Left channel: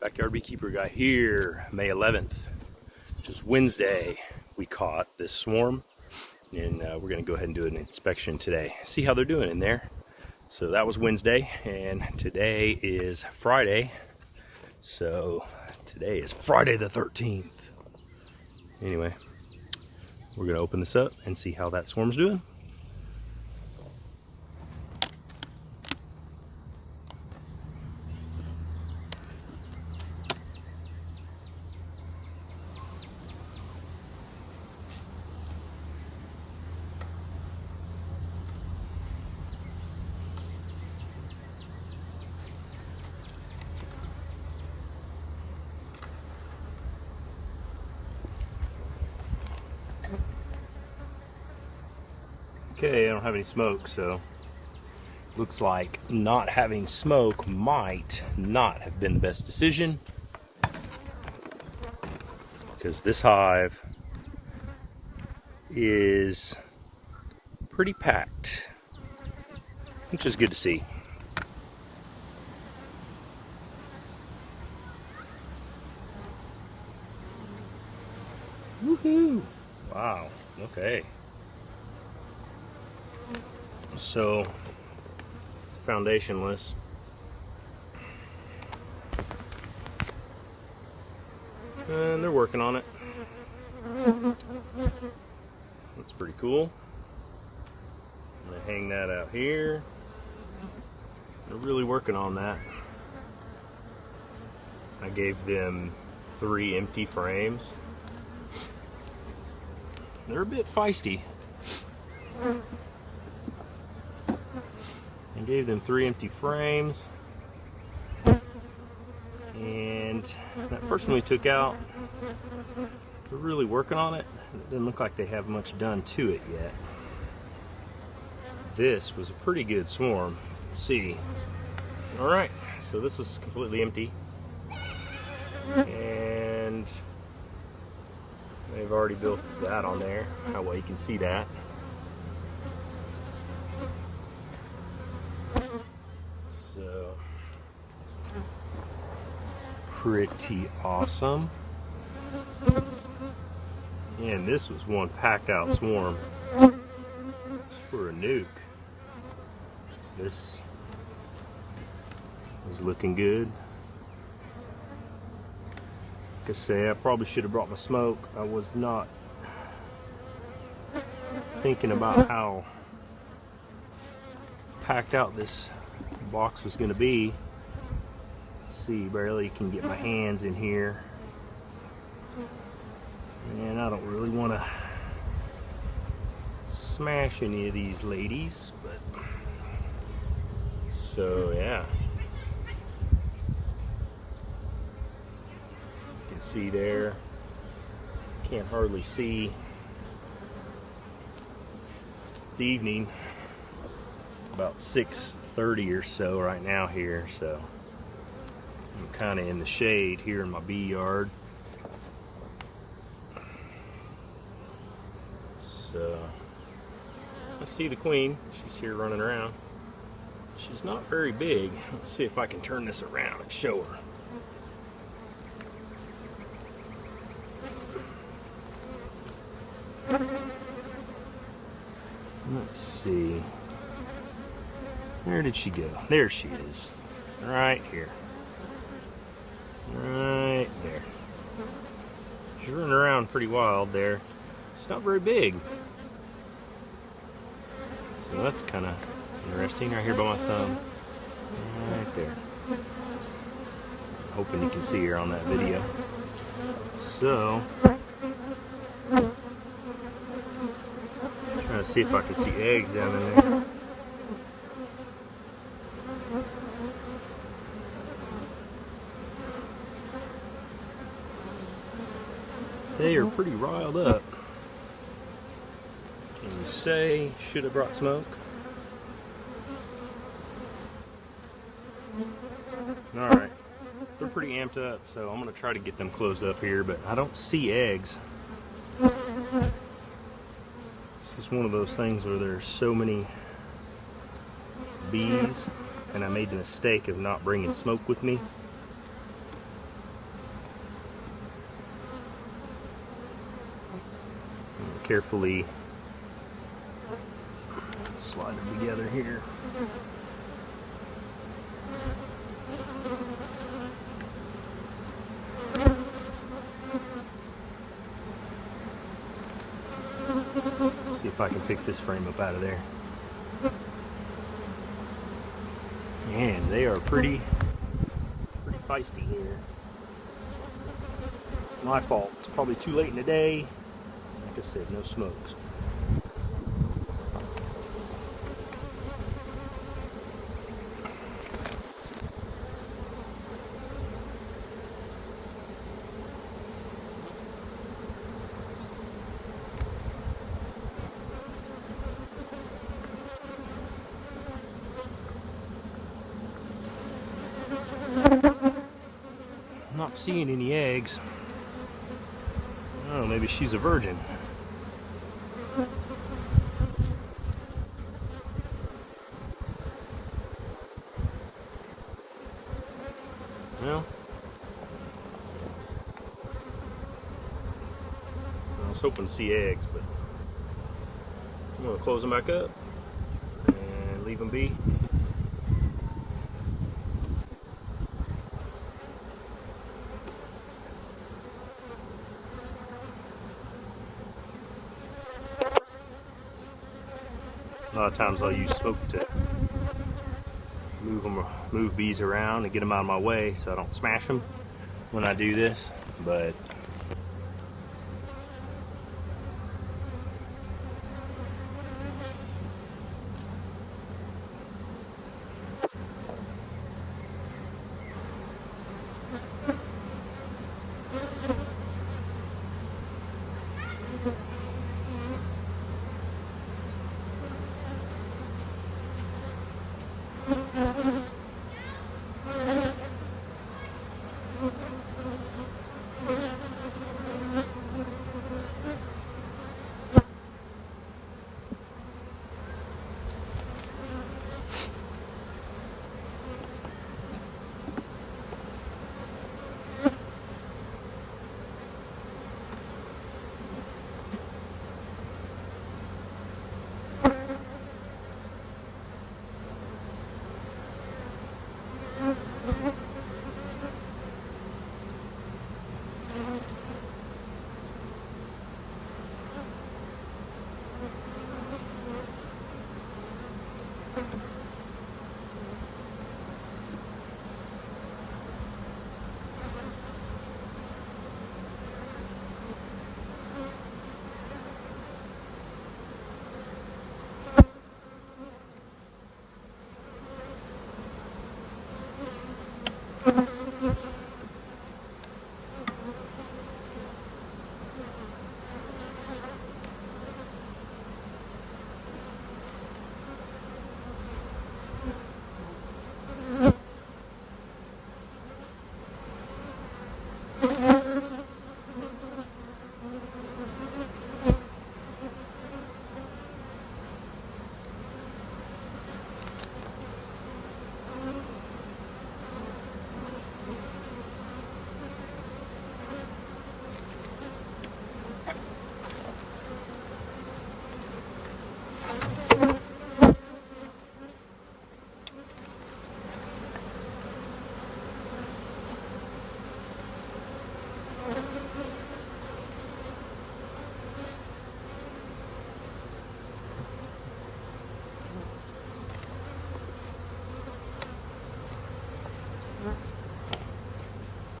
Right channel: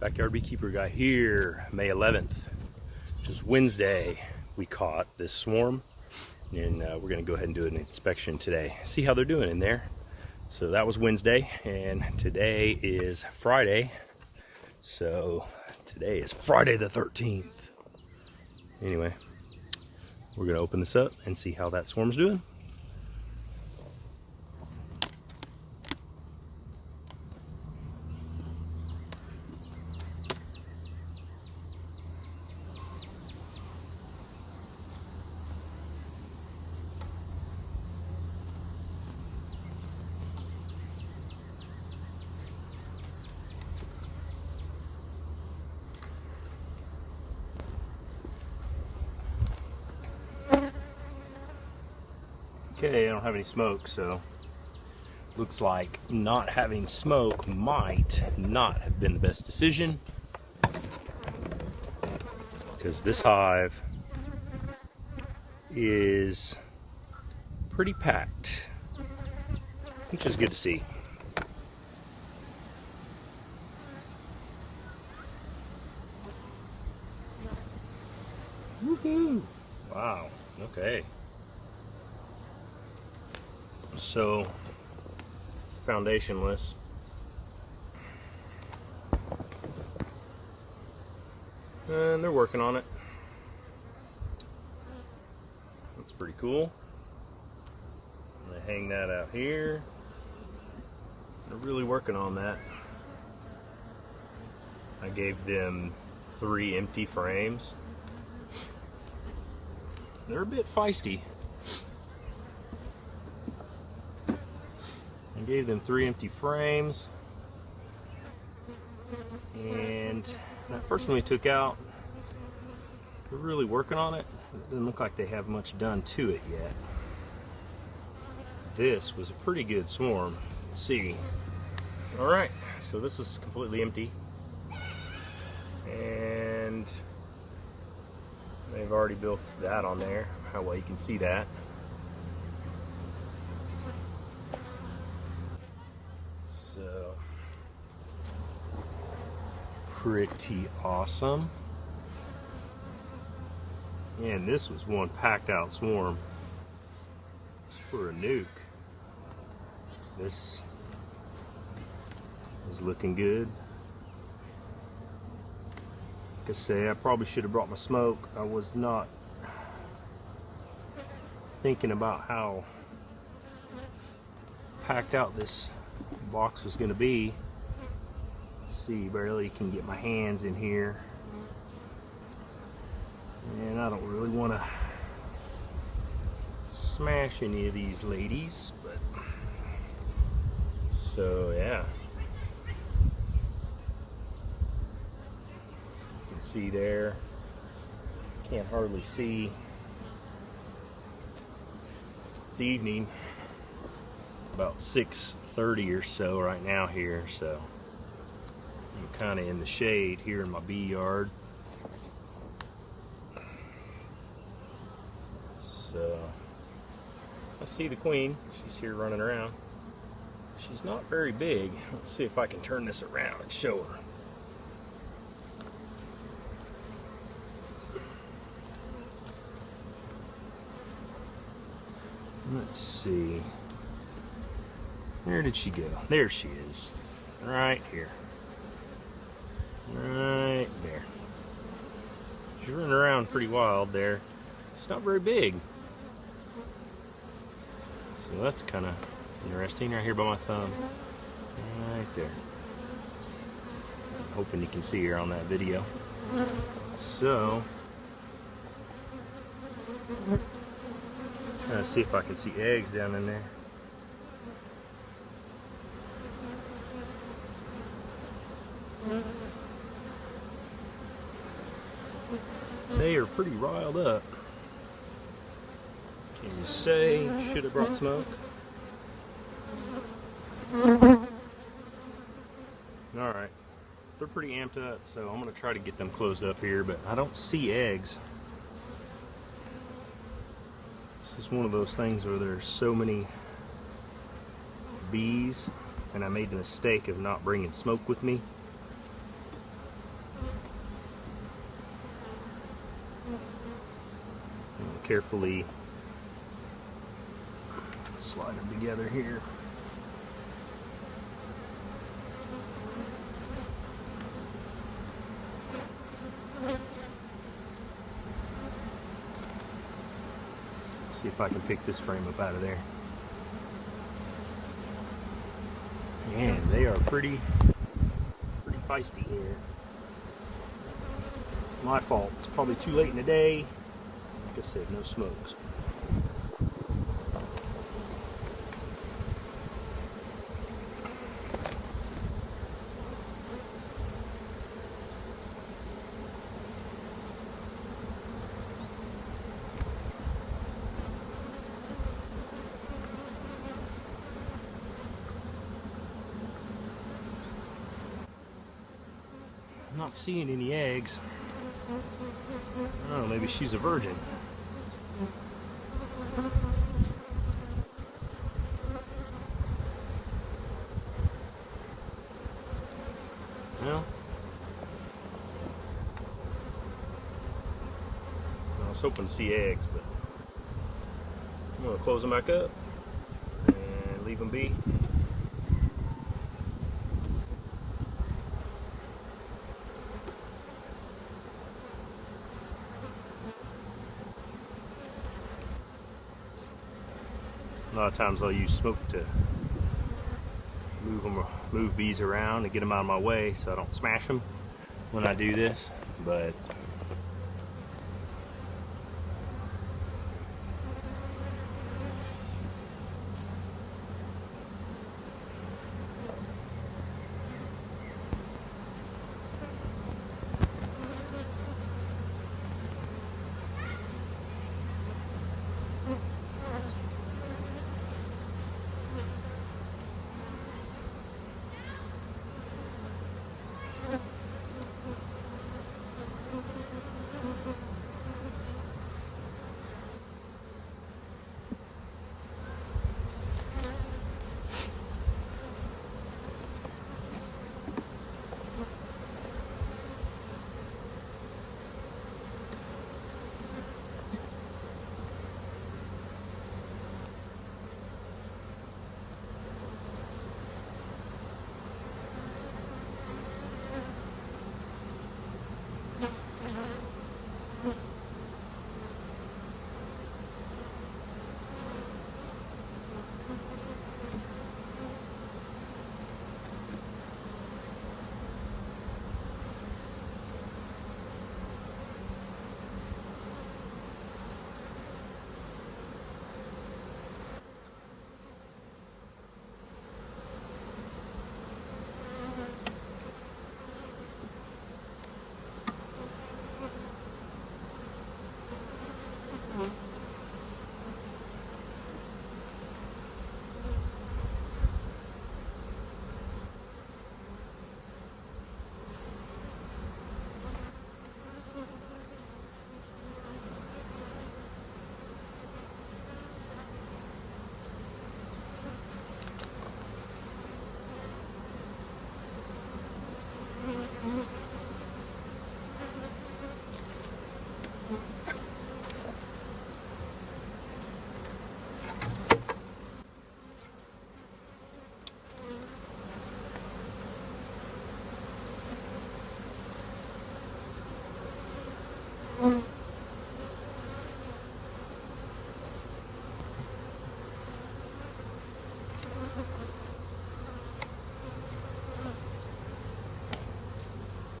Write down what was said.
Backyard Beekeeper Guy here, May 11th, which is Wednesday. We caught this swarm, and we're going to go ahead and do an inspection today. See how they're doing in there. So that was Wednesday, and today is Friday. So today is Friday the 13th. Anyway, we're going to open this up and see how that swarm's doing. Okay, I don't have any smoke, so looks like not having smoke might not have been the best decision, because this hive is pretty packed, which is good to see. Woohoo! Wow, okay. So it's foundationless. And they're working on it. That's pretty cool. I'm gonna hang that out here. They're really working on that. I gave them 3 empty frames. They're a bit feisty. I gave them 3 empty frames, and that first one we took out, they're really working on it. It doesn't look like they have much done to it yet. This was a pretty good swarm. Let's see. Alright, so this was completely empty, and they've already built that on there. How well you can see that. So, pretty awesome. And this was one packed out swarm for a nuke. This is looking good. Like I say, I probably should have brought my smoke. I was not thinking about how packed out this box was going to be. Let's see, barely can get my hands in here, and I don't really want to smash any of these ladies, but so yeah, you can see there, can't hardly see. It's evening, about 6:30 or so right now here, so I'm kind of in the shade here in my bee yard. So I see the queen. She's here running around. She's not very big. Let's see if I can turn this around and show her. Let's see. Where did she go? There she is. Right here. Right there. She's running around pretty wild there. She's not very big. So that's kind of interesting. Right here by my thumb. Right there. I'm hoping you can see her on that video. So, trying to see if I can see eggs down in there. They are pretty riled up. Can you say should have brought smoke? Alright. They're pretty amped up, so I'm going to try to get them closed up here, but I don't see eggs. It's just one of those things where there's so many bees, and I made the mistake of not bringing smoke with me. carefully slide them together here. See if I can pick this frame up out of there. Man, they are pretty feisty here. My fault. It's probably too late in the day. Like I said, no smokes. I'm not seeing any eggs. Oh, maybe she's a virgin. Well, I was hoping to see eggs, but I'm going to close them back up and leave them be. A lot of times I'll use smoke to move bees around and get them out of my way so I don't smash them when I do this, but